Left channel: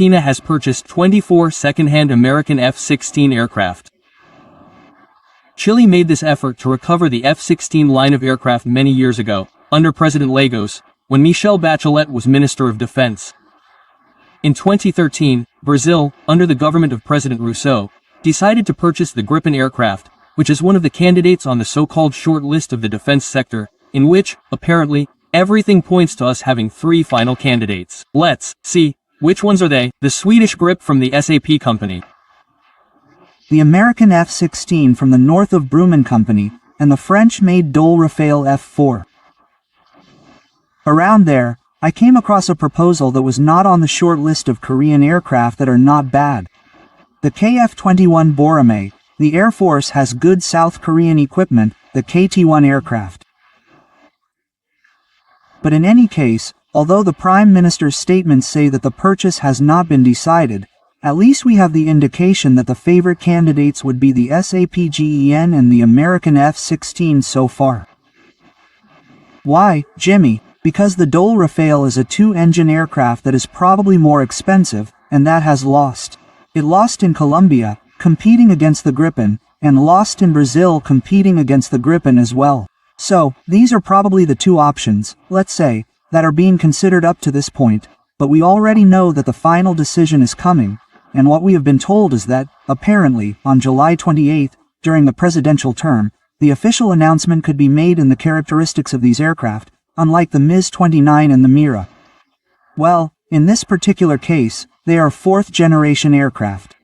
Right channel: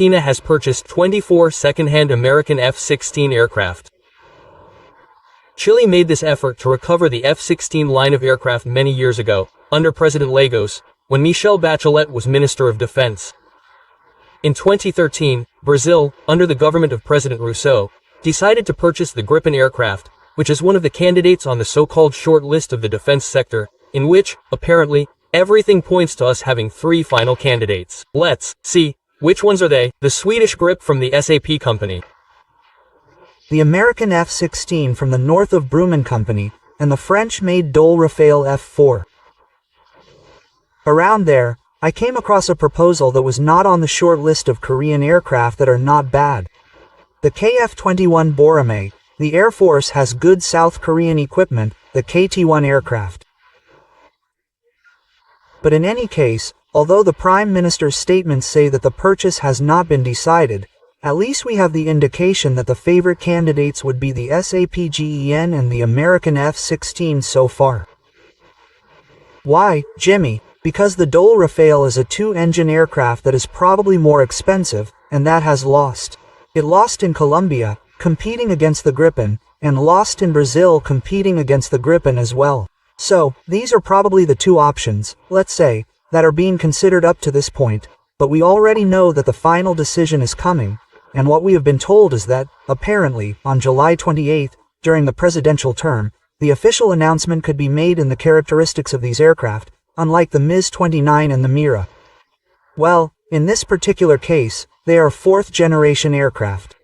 Argentina has purchased 24 second-hand American F-16 aircraft. Chile made this effort to recover the F-16 line of aircraft many years ago, under President Lagos, when Michelle Bachelet was Minister of Defense. In 2013, Brazil, under the government of President Rousseau, decided to purchase the Gripen aircraft, which is one of the candidates on the so-called short list of the defense sector, in which, apparently, everything points to us having 3 final candidates. Let's see, which ones are they? The Swedish Grip from the SAP company, the American F-16 from the Northrop Grumman company, and the French-made Dole Rafale F-4. Around there, I came across a proposal that was not on the short list of Korean aircraft that are not bad. The KF-21 Boramae. The Air Force has good South Korean equipment, the KT-1 aircraft. But in any case, although the Prime Minister's statements say that the purchase has not been decided, at least we have the indication that the favorite candidates would be the SAPGEN and the American F-16 so far. Why, Jimmy? Because the Dole Rafale is a 2-engine aircraft that is probably more expensive, and that has lost. It lost in Colombia, competing against the Gripen, and lost in Brazil competing against the Gripen as well. So, these are probably the 2 options, let's say, that are being considered up to this point, but we already know that the final decision is coming, and what we have been told is that, apparently, on July 28, during the presidential term, the official announcement could be made in the characteristics of these aircraft, unlike the MiG-29 and the Mira. Well, in this particular case, they are 4th-generation aircraft.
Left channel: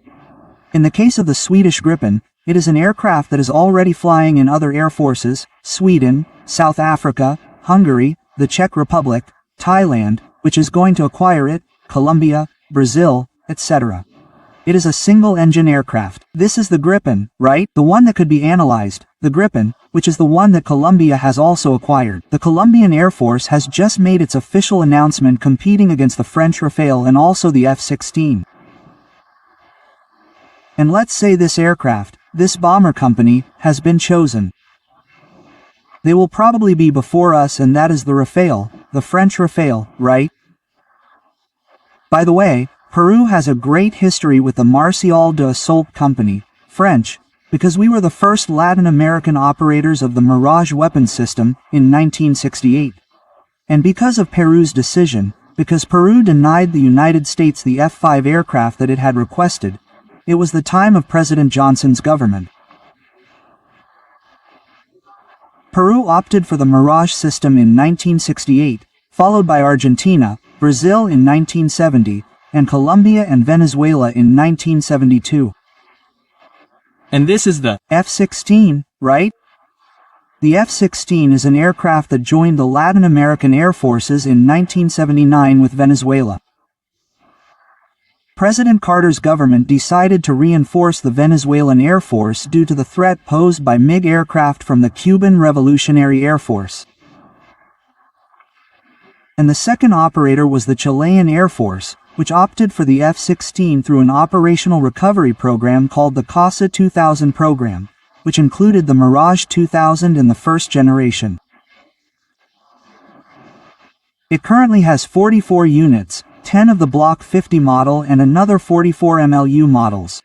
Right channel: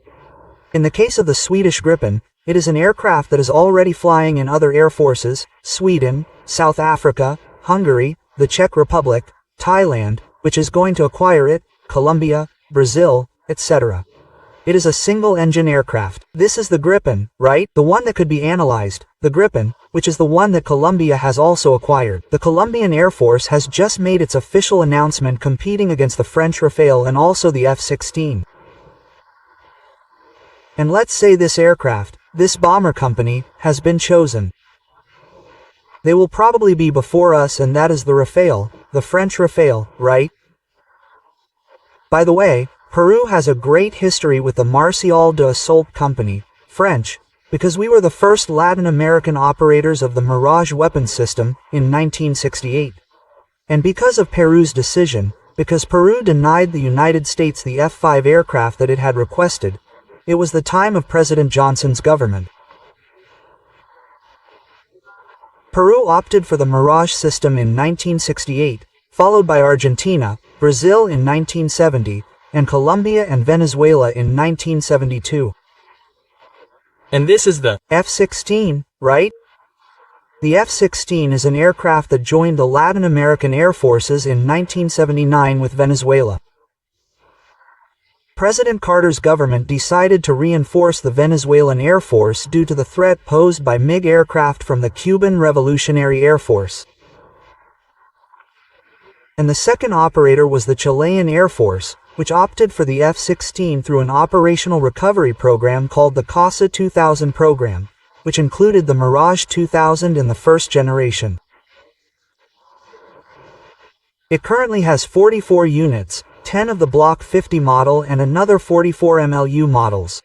In the case of the Swedish Gripen, it is an aircraft that is already flying in other air forces, Sweden, South Africa, Hungary, the Czech Republic, Thailand, which is going to acquire it, Colombia, Brazil, etc. It is a single-engine aircraft. This is the Gripen, right? The one that could be analyzed, the Gripen, which is the one that Colombia has also acquired. The Colombian Air Force has just made its official announcement competing against the French Rafale and also the F-16. And let's say this aircraft, this bomber company, has been chosen. They will probably be before us, and that is the Rafale, the French Rafale, right? By the way, Peru has a great history with the Marcial de Assault Company, French, because we were the first Latin American operators of the Mirage weapon system in 1968. And because of Peru's decision, because Peru denied the United States the F-5 aircraft that it had requested, it was the time of President Johnson's government. Peru opted for the Mirage system in 1968, followed by Argentina, Brazil in 1970, and Colombia and Venezuela in 1972. And this is the F-16, right? The F-16 is an aircraft that joined the Latin American Air Forces in 1979 with Venezuela. President Carter's government decided to reinforce the Venezuelan Air Force due to the threat posed by MiG aircraft from the Cuban Revolutionary Air Force. And the second operator was the Chilean Air Force, which opted for the F-16 through an operational recovery program called the CASA 2000 program, which included the Mirage 2000 and the first generation. It currently has 44 units, 10 of the Block 50 model and another 44 MLU models.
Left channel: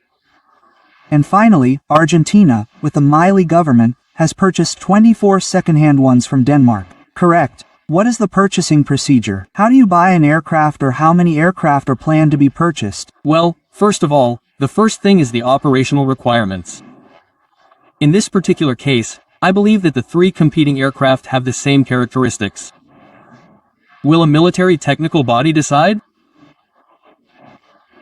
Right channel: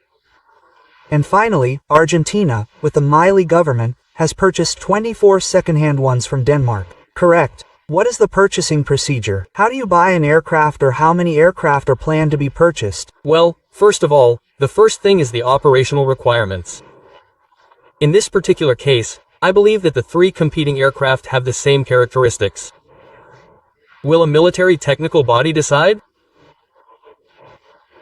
And finally, Argentina, with the Milei government, has purchased 24 second-hand ones from Denmark. Correct. What is the purchasing procedure? How do you buy an aircraft, or how many aircraft are planned to be purchased? Well, first of all, the first thing is the operational requirements. In this particular case, I believe that the 3 competing aircraft have the same characteristics. Will a military technical body decide?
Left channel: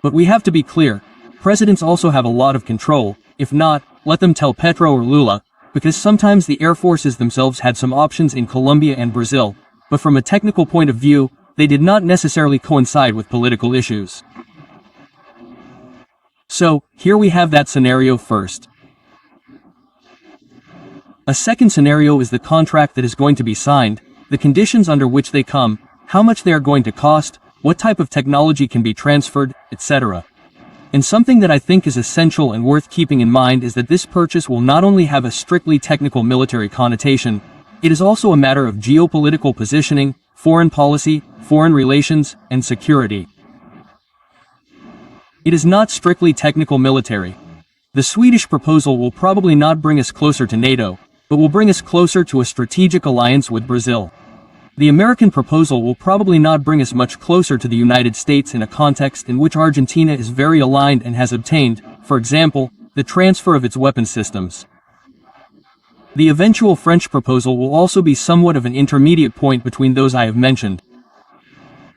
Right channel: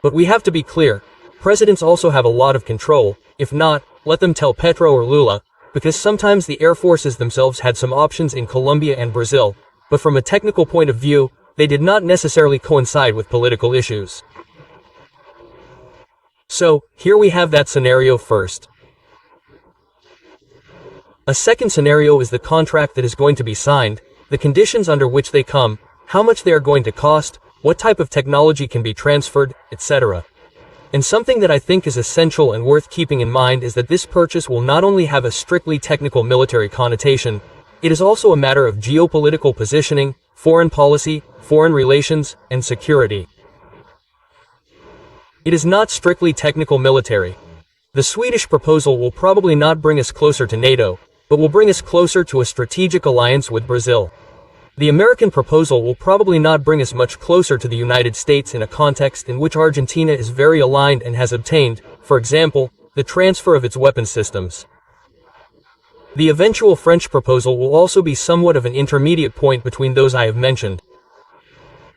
But we have to be clear, presidents also have a lot of control. If not, let them tell Petro or Lula, because sometimes the air forces themselves had some options in Colombia and Brazil, but from a technical point of view, they did not necessarily coincide with political issues. So, here we have that scenario first. A second scenario is the contract that is going to be signed, the conditions under which they come, how much they are going to cost, what type of technology can be transferred, etc. And something that I think is essential and worth keeping in mind is that this purchase will not only have a strictly technical military connotation, it is also a matter of geopolitical positioning, foreign policy, foreign relations, and security. It is not strictly technical military. The Swedish proposal will probably not bring us closer to NATO, but will bring us closer to a strategic alliance with Brazil. The American proposal will probably not bring us much closer to the United States in a context in which Argentina is very aligned and has obtained, for example, the transfer of its weapon systems. The eventual French proposal will also be somewhat of an intermediate point between those I have mentioned.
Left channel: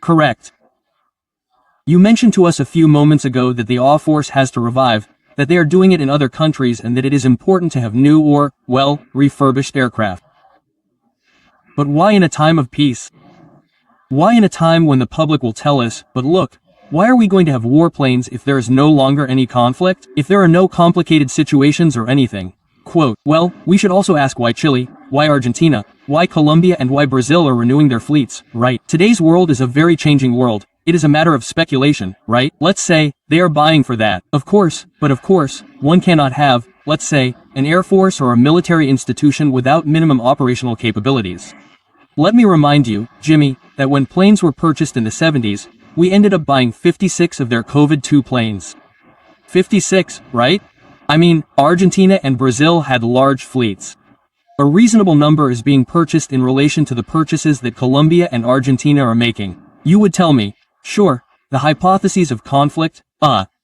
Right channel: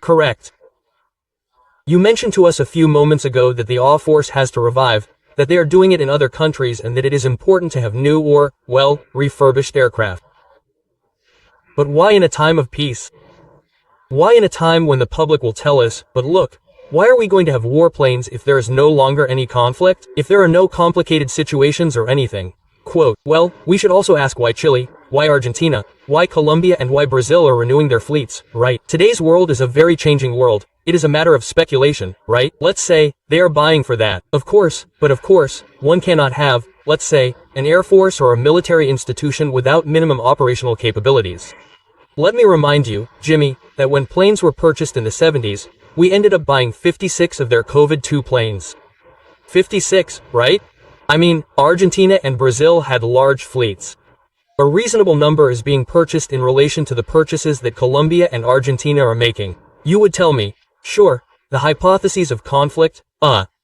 Correct. You mentioned to us a few moments ago that the AW force has to revive, that they are doing it in other countries and that it is important to have new or, well, refurbished aircraft. But why in a time of peace? Why in a time when the public will tell us, but look, why are we going to have warplanes if there is no longer any conflict? If there are no complicated situations or anything? Quote, well, we should also ask why Chile, why Argentina, why Colombia and why Brazil are renewing their fleets, right? Today's world is a very changing world. It is a matter of speculation, right? Let's say, they are buying for that. Of course, but of course, one cannot have, let's say, an air force or a military institution without minimum operational capabilities. Let me remind you, Jimmy, that when planes were purchased in the 70s, we ended up buying 56 of their COVID-2 planes. 56, right? I mean, Argentina and Brazil had large fleets. A reasonable number is being purchased in relation to the purchases that Colombia and Argentina are making. You would tell me, sure, the hypotheses of conflict,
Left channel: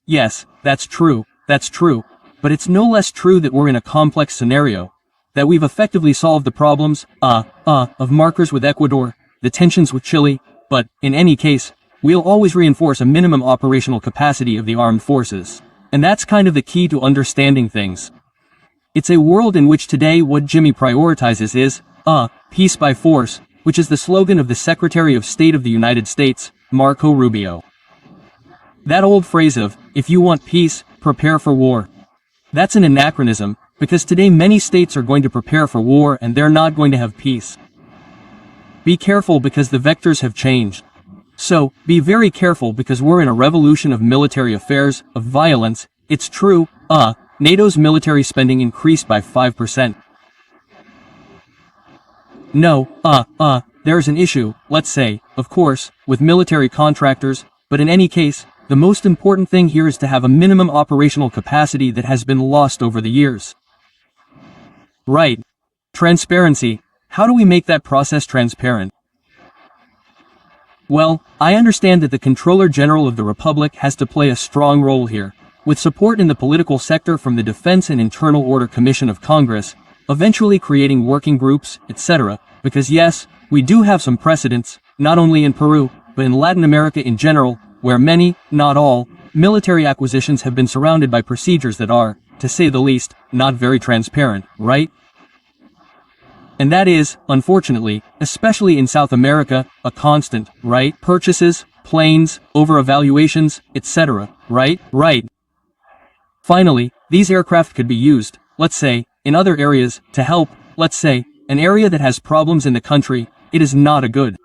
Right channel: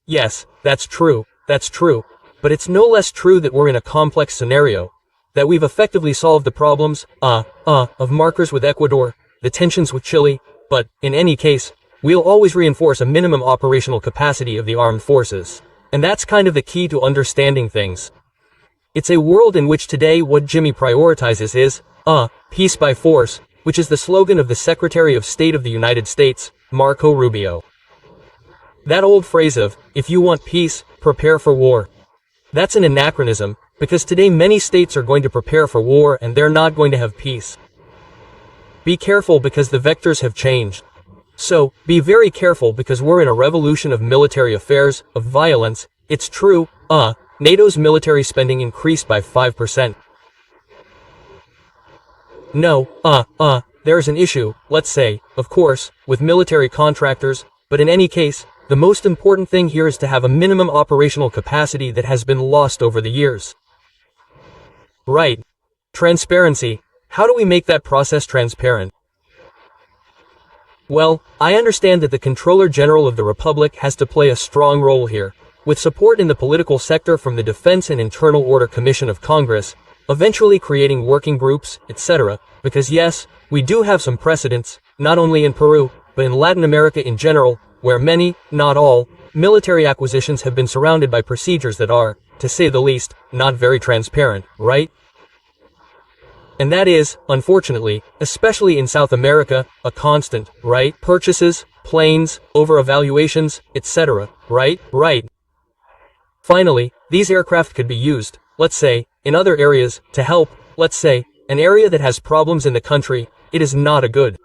yes, that's true, but it's no less true that we're in a complex scenario, that we've effectively solved the problems, of markers with Ecuador, the tensions with Chile, but, in any case, we'll always reinforce a minimum operational capacity of the armed forces. And that's kind of the key to understanding things. It's a world in which today what Jimmy prioritizes is, peace by force, which is the slogan of the Secretary of State of the United States, Marco Rubio. That old phrase of, if you want peace, prepare for war. That's an anachronism, because today many states are going to prepare for war and they're not going to have peace. Be careful because the vectors have changed. So, be very careful because we're in a revolution of military affairs, of violence. It's true, NATO's military spending increased by 5%. No, there's an issue, let's say, of course, with military contractors, but in any case, the most important thing here is to have a minimum operational capacity that has been lost over the years. Right. Transparency. How do we make that process transparent? Well, I understand that the Controller General of the Republic has to play a strong role here, with support in the political sector from the Defense and Internal Order Commission of Congress, eventually creating working groups, etc., because yes, we do have some precedents, not only in Peru, but in Latin America in general, where many, not all, military acquisitions have been surrounded by procedures that are, to say the least, not very transparent, right? And that is, unfortunately, especially in South America, a constant, right? Purchases, planes, over-evaluations, etc., right? Right. Finally, these aircraft could be used, let's say, in other areas, to help, let's say, an area that has problems in the country. It is not a good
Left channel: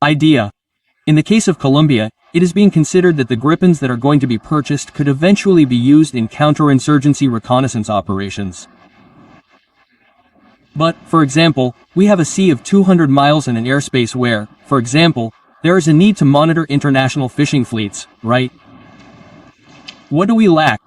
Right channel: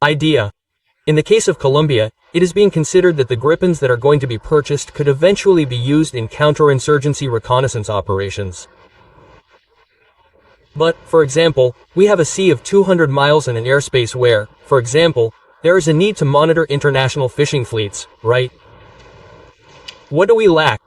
idea. In the case of Colombia, it is being considered that the Gripens that are going to be purchased could eventually be used in counterinsurgency reconnaissance operations. But, for example, we have a sea of 200 miles and an airspace where, for example, there is a need to monitor international fishing fleets, right? What do we lack?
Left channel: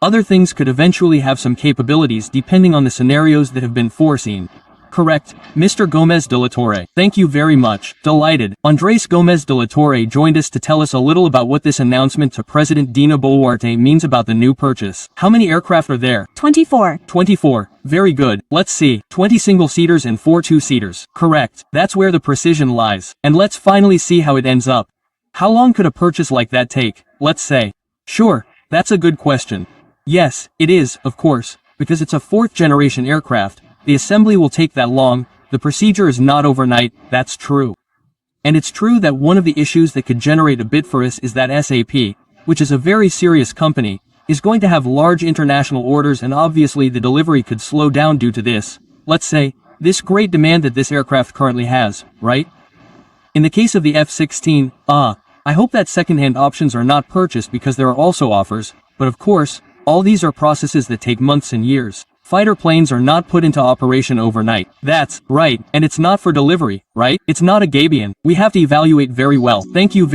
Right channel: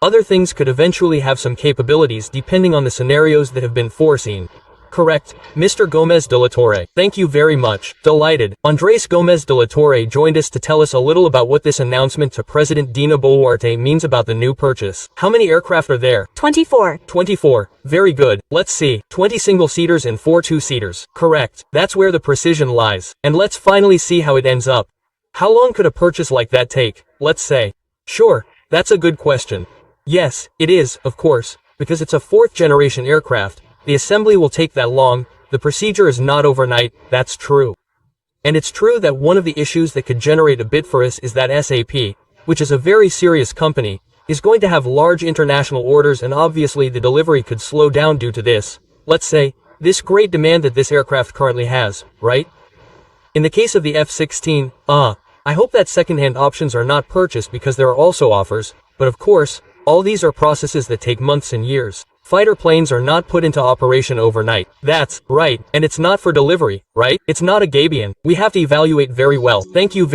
Other things could eventually have some capabilities depending on the scenarios that have been foreseen. Correct, Mr. Gomez de La Torre. Thank you very much. Delighted. Andrés Gomez de La Torre joined us to tell us a little about what this announcement to President Dina Boluarte means about the new purchase. How many aircraft are there? 24. 24. Very good. Let's see. 20 single-seaters and 4 two-seaters. Correct. That's where the precision lies. And let's finally see how it ends up. How long could a purchase like that take, let's say? Sure, that's a good question. Yes, it is, of course, because it's a fourth-generation aircraft. The assembly will take that long, the procedure is not overnight, that's true. And it's true that one of the issues that could generate a bid for us is that SAP, which is a very serious company, is going to have large international orders and obviously the delivery could slow down due to this, let's say, this great demand that this aircraft currently has, right? In the case of the F-16, I hope that second-hand options are not purchased because there are also offers, but of course, all these are processes that take months and years. Fighter planes are not put into operation overnight. That's right, and it's not for delivery, right? It's not a Gabion. We have to evaluate very well. Thank you very